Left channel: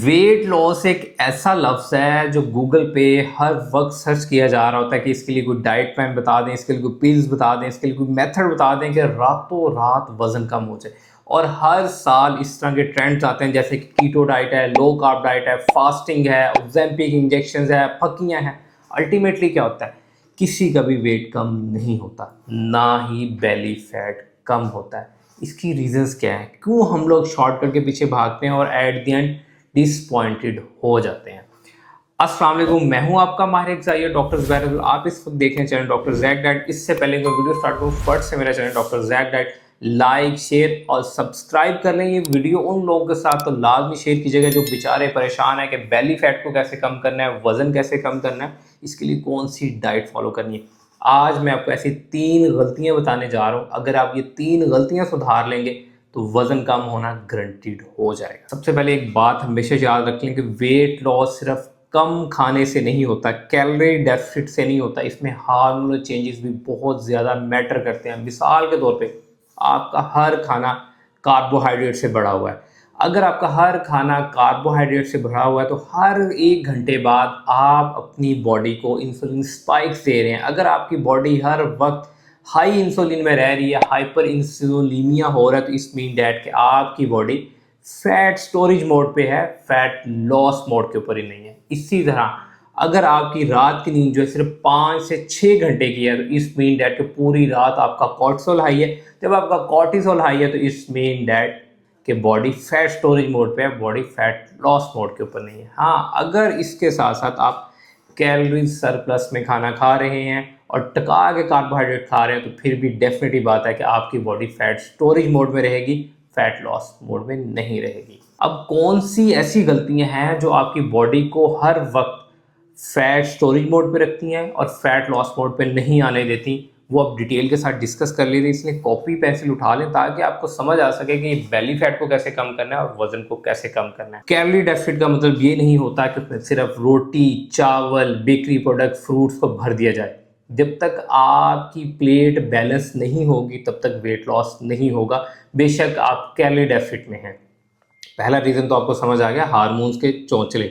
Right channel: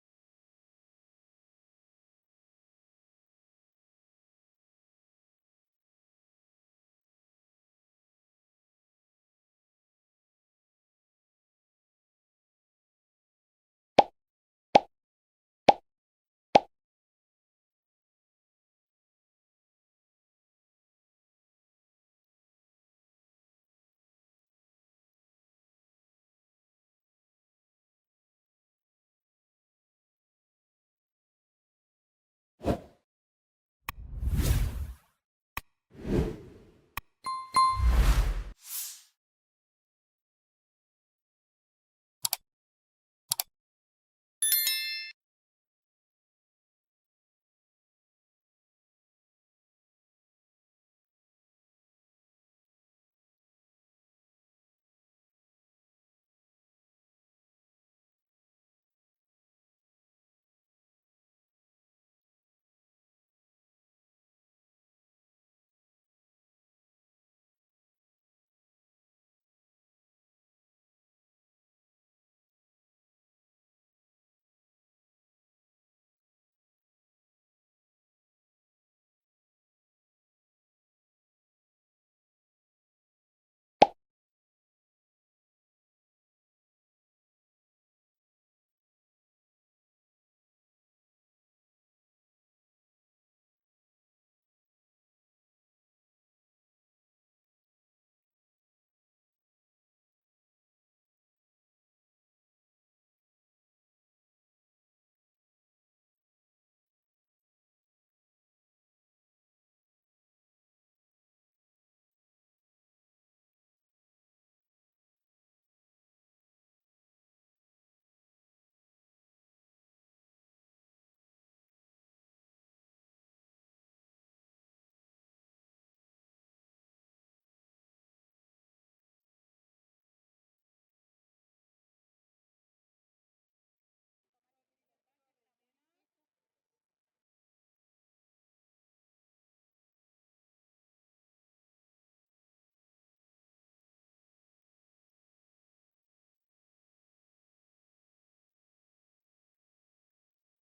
Weight loss एक ऐसा लफ्ज़ है जो गूगल पे हर वक्त सर्च किया जा रहा होता है कि इसके लिए कोई डाइट प्लान बता दें, इसके लिए कोई पिल्स बता दें, इसके लिए कोई मेथड बता दें कि रातों रात वज़न कम हो जाए। और हर साल इस तरह के ट्रेंड्स आते हैं जैसे कि कीटो डाइट है, लो कार्ब डाइट है, फास्टिंग है, ओज़ेम्पिक इंजेक्शंस है, फक्कियाँ हैं। अल्टीमेटली क्या होता है, किसी का भी वेट कम नहीं होता, ना ही बेली फैट कम होता है। इसकी रीज़न्स क्या हैं, क्यों हम लोग शॉर्टकट के पीछे भागते हैं और एट द एंड डिसपॉइंटेड हो जाते हैं। अस्सलाम वालेकुम, मैं हूं आपका माहिर ग़िज़ाई डॉक्टर ज़ुबैर। आप इस वक्त देख रहे हैं चैनल डॉक्टर ज़ैक डाइट। इससे पहले मैं वीडियो स्टार्ट करूं, फट से मेरा channel doctor Zac diet like, share और सब्सक्राइब कर लें। ये वीडियो उन लोगों के साथ तो लाजमी शेयर कीजिएगा जो बेचारे परेशान है कि बेली फैट को कैसे कम करना है, वज़न कैसे कम करना है, इसके लिए कौन सी डाइट फॉलो करनी है। आज मैं आपको ऐसी 3 गलतियां बताने जा रहा हूं, अगर आप ये 3 गलतियां सुधार लेंगे तो वज़न कम होना गारंटीड हो जाएगा। सबसे पहले एक बात हमेशा याद रख लें कि वेट लॉस सिर्फ कम खाने से नहीं होता, कैलोरी डेफिसिट से नहीं होता, इसमें हार्मोनल चेंजेस भी बहुत ज़्यादा मैटर करते हैं। मिसाल के तौर पे आपका हर खाना कार्बोहाइड्रेट से भरा हुआ है। अगर आपका हर खाना कार्बोहाइड्रेट से भरा हुआ है तो हर 1 घंटे बाद आप अपनी बॉडी को इंसुलिन स्पाइक्स दे रहे हैं। अगर आपकी बॉडी हर वक्त हाई इंसुलिन में रह रही है, हाइपर इंसुलिनीमिया हो रहा है, तो इस मीन डैट कि आपकी बॉडी फैट स्टोरेज मोड पे है, फैट लॉस मोड के ऊपर ही नहीं है। इसी तरह अगर आपकी रात की नींद जो है सिर्फ 5 से 6 घंटे की है, तो इस मीन डैट कि पूरी रात आपका कॉर्टिसोल हाई है। जब आपका कॉर्टिसोल हाई है तो इस मीन डैट कि बॉडी फैट स्टोरेज मोड पे है, बॉडी फैट लॉस मोड के ऊपर नहीं है। हाँ, अगर इसके साथ साथ आप कैलोरी सरप्लस में खाना खा रहे हैं और टका के कार्बोहाइड्रेट खा रहे हैं तो फिर भी डेफिनेटली बात है कि आपकी बॉडी फैट स्टोरेज मोड में रहेगी, फैट लॉस मोड में नहीं रहेगी। अब कौन सी ऐसी गलतियां हैं जो आपकी बॉडी को हर वक्त फैट स्टोरेज मोड पे रखती हैं और फैट लॉस मोड पे नहीं आने देती, वो आप डिटेल के साथ डिस्कस कर लेते, इसलिए कॉपी पेंसिल उठा लें ताकि आपको समझ आ सके कि बेली फैट को कैसे कम करना है और वजन को कैसे कम करना है। कैलोरी डेफिसिट का मतलब ये नहीं होता कि उसमें सिर्फ रोटी, चावल, बेकरी प्रोडक्ट, फ्रूट्स को भर दिया जाए। जब तक आपकी प्लेट बैलेंस नहीं होगी तब तक वेट लॉस नहीं होगा, बेशक आप कैलोरी डेफिसिट में हैं। पहला रीज़न तो आपको समझ आ गया, हार्मोन्स के चौंचले,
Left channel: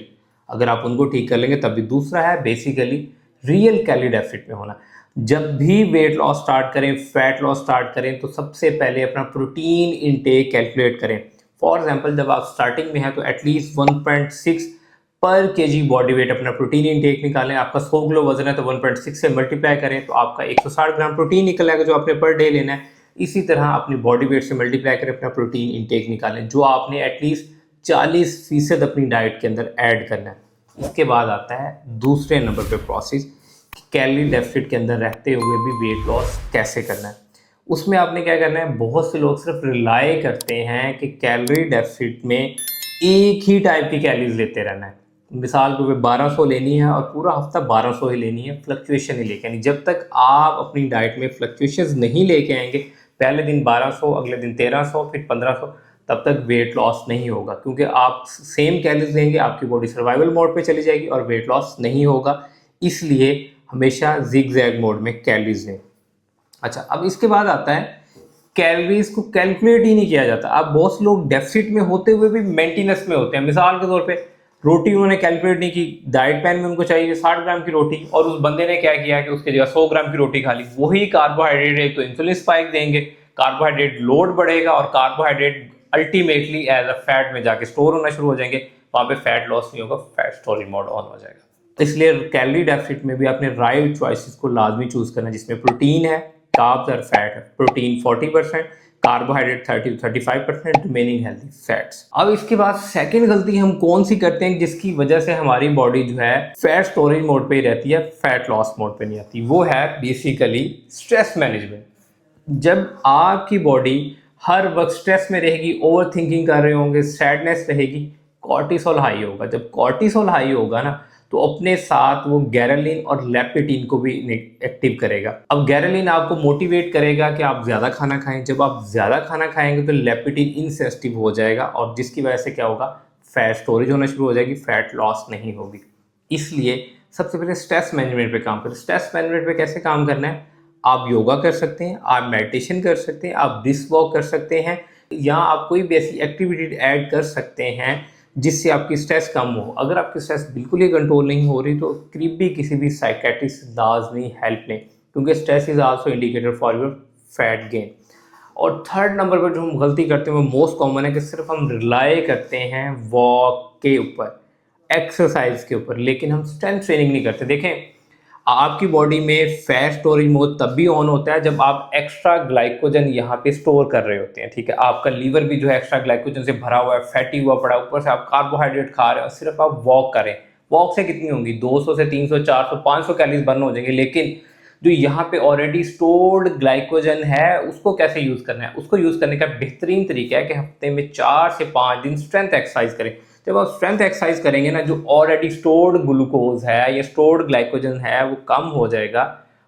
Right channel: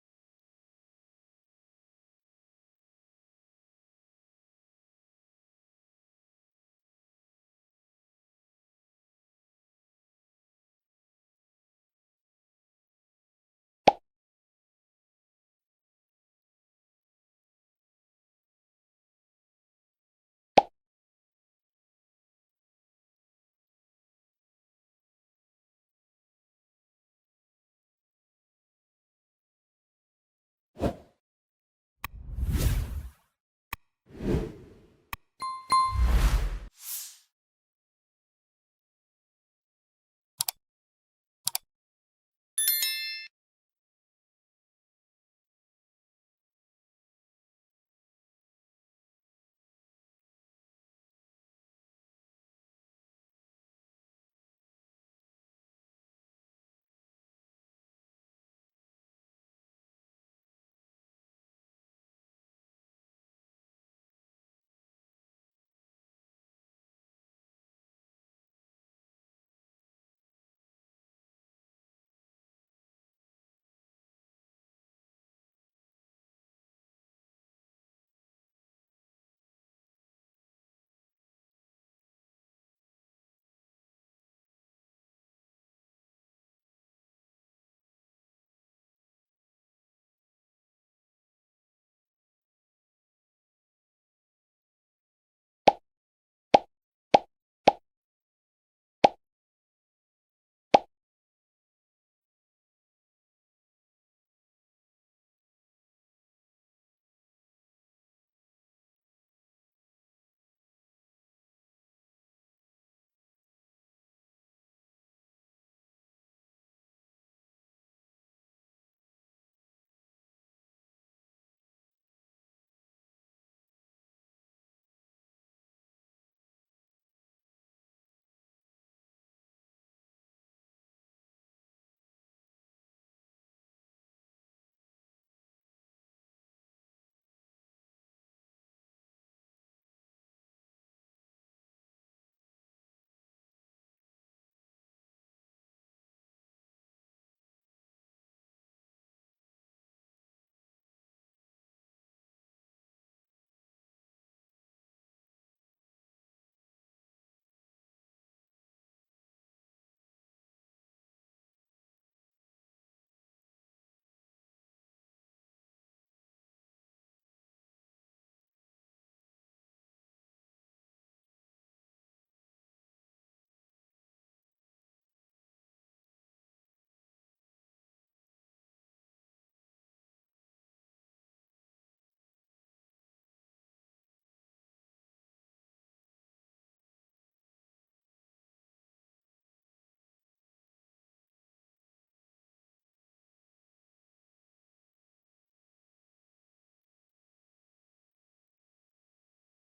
अगर आप उनको ठीक कर लेंगे तब भी। दूसरा है बेसिकली रियल कैलोरी डेफिसिट में होना। जब भी वेट लॉस स्टार्ट करें, फैट लॉस स्टार्ट करें, तो सबसे पहले अपना प्रोटीन इनटेक कैलकुलेट करें। फॉर एग्जांपल जब आप स्टार्टिंग में हैं तो एटलीस्ट 1.6 पर केजी बॉडी वेट अपना प्रोटीन इनटेक निकालें। आपका 100 किलो वजन है तो 1.6 से मल्टीप्लाई करें तो आपका 160 ग्राम प्रोटीन निकल आएगा जो आपने पर डे लेना है। इसी तरह अपनी बॉडी वेट से मल्टीप्लाई करें, अपना प्रोटीन इनटेक निकालें जो आपने एटलीस्ट 40% अपनी डाइट के अंदर ऐड करना है। इसके बाद आता है दूसरे नंबर पे प्रोसेस, कैलोरी डेफिसिट के अंदर रहते हुए भी वेट लॉस कैसे करना है। उसमें आपने क्या करना है, बहुत से लोग सिर्फ रिलाई करते हैं कि कैलोरी डेफिसिट में एक ही टाइप की कैलोरीज लेते रहना है। मिसाल के ऊपर 1200 लेनी है और पूरा हफ्ता 1200 ही लेनी है, फ्लक्चुएशन ही लेके आनी। जब तक आप अपनी डाइट में फ्लक्चुएशंस नहीं लेके आएंगे, पहले दिन 1200, अगले दिन 1300, फिर 1500, तब तक वेट लॉस नहीं होगा, क्योंकि आप सेम कैलोरीज लेंगे, आपकी बॉडी सर्वाइवल मोड पे चली जाएगी और वेट लॉस नहीं होगा। इसलिए हमेशा जिग जैग मोड में कैलोरीज लें। अच्छा, अब इसके बाद आता है कैलोरीज को कैलकुलेट ही नहीं किया जाता। अब बहुत से लोग डेफिसिट में होते हुए भी मेंटेनेंस में होते हैं। मिसाल के तौर पे रोटी उन्होंने कैलकुलेट नहीं की, डाइट प्लान में उनको चाहिए 60 ग्राम की रोटी और उस बंदे ने क्या किया कि उसके जगह 100 ग्राम की रोटी खा ली। वही कार्बोहाइड्रेट है तो इंसुलिन स्पाइक देंगे, कार्बोहाइड्रेट लोड बढ़ेगा और carbohydrate ultimately as a fat में जाके स्टोर होना शुरू हो जाएंगे। वहां पे फैट लॉस नहीं होगा, फैट स्टोरेज मोड ऑन हो जाएगा। इसलिए कैलोरी डेफिसिट में भी आपने राइट चॉइसेस को लाजमी चूज करना है, जिसमें प्रोटीन है, कार्ब्स और फैट है। Protein 40%, carbohydrate 30 to 35%, remaining healthy fats. अब इसके बाद सेकंड गलती हम कौन सी करते हैं जिसकी वजह से हमारी बॉडी जो है फैट स्टोरेज मोड पे ही रहती है, फैट लॉस मोड पे नहीं आती, वो है बेसिकली स्ट्रेस मैनेजमेंट। जब आपकी बॉडी हर वक्त स्ट्रेस में रहेगी, ओवर थिंकिंग कर रहे होंगे, सैडनेस रहेगी, कॉर्टिसोल हाई होगा। जब कॉर्टिसोल हाई होगा ना तो अपने साथ वो गैरेलिन और लेपेटिन को भी एक्टिव करेगा। अब गैरेलिन आपको मोटिवेट करेगा कि आप ज़्यादा खाना खाएं। जब आप ज़्यादा खाना खाएंगे तो लेपेटिन इनसेंसिटिव हो जाएगा और जिसकी वजह से क्या होगा, फैट स्टोरेज होना शुरू हो जाएगी, फैट लॉस नहीं होगी। इसलिए सबसे पहले स्ट्रेस मैनेजमेंट पे काम करें। स्ट्रेस मैनेजमेंट पे कैसे काम करना है, आप योगा कर सकते हैं, आप मेडिटेशन कर सकते हैं, आप ब्रिस्क वॉक कर सकते हैं, या आप कोई भी ऐसी एक्टिविटी ऐड कर सकते हैं जिससे आपकी स्ट्रेस कम हो। अगर आपकी स्ट्रेस बिल्कुल ही कंट्रोल नहीं हो रही तो करीब भी किसी भी साइकेट्रिस्ट लाजमी हेल्प लें, क्योंकि stress is also indicator for your fat gain. और थर्ड नंबर पर जो हम गलती करते हैं वो मोस्ट कॉमन है कि सिर्फ हम रिलाई करते हैं वॉक के ऊपर, एक्सरसाइज के ऊपर, लेकिन हम स्ट्रेंथ ट्रेनिंग नहीं करते। देखें, आपकी बॉडी में फैट स्टोरेज मोड तब भी ऑन होता है जब आप एक्स्ट्रा ग्लाइकोजन यहाँ पे स्टोर कर रहे होते हैं, ठीक है। आपका लीवर भी जो है एक्स्ट्रा ग्लाइकोजन से भरा हुआ है, फैटी हुआ पड़ा है, ऊपर से आप कार्बोहाइड्रेट खा रहे हो, सिर्फ आप वॉक करें। वॉक से कितनी होंगी? 200 से 300, 400, 500 कैलोरीज बर्न हो जाएंगे, लेकिन जो यहाँ पे ऑलरेडी स्टोर्ड ग्लाइकोजन है उसको कैसे यूज़ करना है? उसको यूज़ करने का बेहतरीन तरीका है कि हफ्ते में 4 से 5 दिन स्ट्रेंथ एक्सरसाइज करें। जब आप स्ट्रेंथ एक्सरसाइज करेंगे ना, जो ऑलरेडी स्टोर्ड ग्लूकोज है या स्टोर्ड ग्लाइकोजन है वो कम हो जाएगा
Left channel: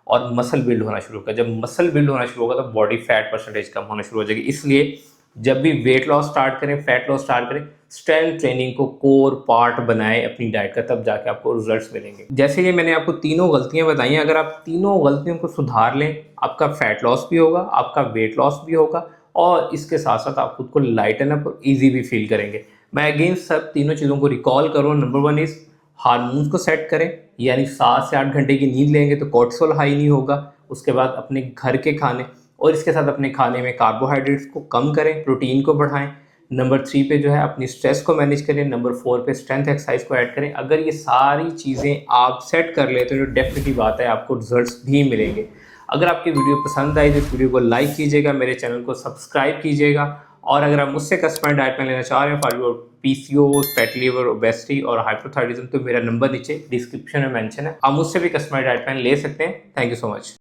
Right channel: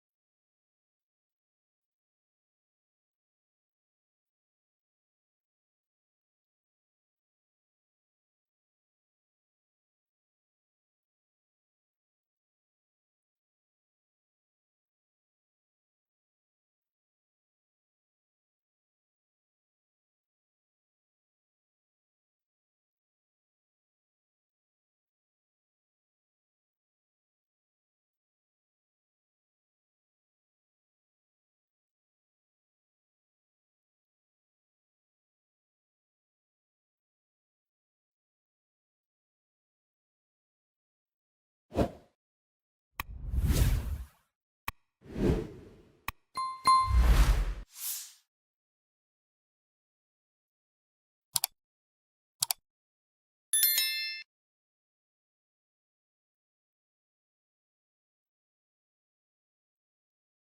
और मसल बिल्ड होना शुरू होगा। जब मसल बिल्ड होना शुरू होगा तो बॉडी फैट परसेंटेज कम होना शुरू हो जाएगी। इसलिए जब भी वेट लॉस स्टार्ट करें, फैट लॉस स्टार्ट करें, स्ट्रेंथ ट्रेनिंग को कोर पार्ट बनाएं अपनी डाइट का, तब जाके आपको रिजल्ट्स मिलेंगे। जैसे कि मैंने आपको तीनों गलतियां बताई हैं, अगर आप तीनों गलतियों को सुधार लें, आपका फैट लॉस भी होगा, आपका वेट लॉस भी होगा, और इसके साथ साथ आप खुद को लाइटन अप और ईजी भी फील करेंगे। मैं अगेन सब तीनों चीज़ों को रिकॉल करूँ। नंबर 1 इज़ हार्मोन्स को सेट करें, यानी 7 से 8 घंटे की नींद लेंगे तो कोर्टिसोल हाई नहीं होगा। उसके बाद अपने घर के खाने और इसके साथ अपने खाने में कार्बोहाइड्रेट्स को कम करें, प्रोटीन को बढ़ाएं। नंबर 3 पे जो है अपनी स्ट्रेस को मैनेज करें। नंबर 4 पे स्ट्रेंथ एक्सरसाइज को ऐड करें। अगर ये सारी चीज़ें आप सेट कर लेते हो तो डेफिनेटली बात है आपको रिजल्ट्स भी मिलेंगे। अगर आपकी वीडियो पसंद आई तो इस वीडियो को लाइक कीजिएगा, मेरे चैनल को सब्सक्राइब कीजिएगा, और अगर आप मुझसे कस्टमाइज्ड डाइट प्लान लेना चाह रहे हैं for your PCOS, fatty liver, obesity और हाइपोथायराइडिज्म, तो मेरा नंबर नीचे डिस्क्रिप्शन में मेंशन है, आप मुझसे भी कस्टमाइज्ड डाइट प्लान ले सकते हैं। Thank you so much.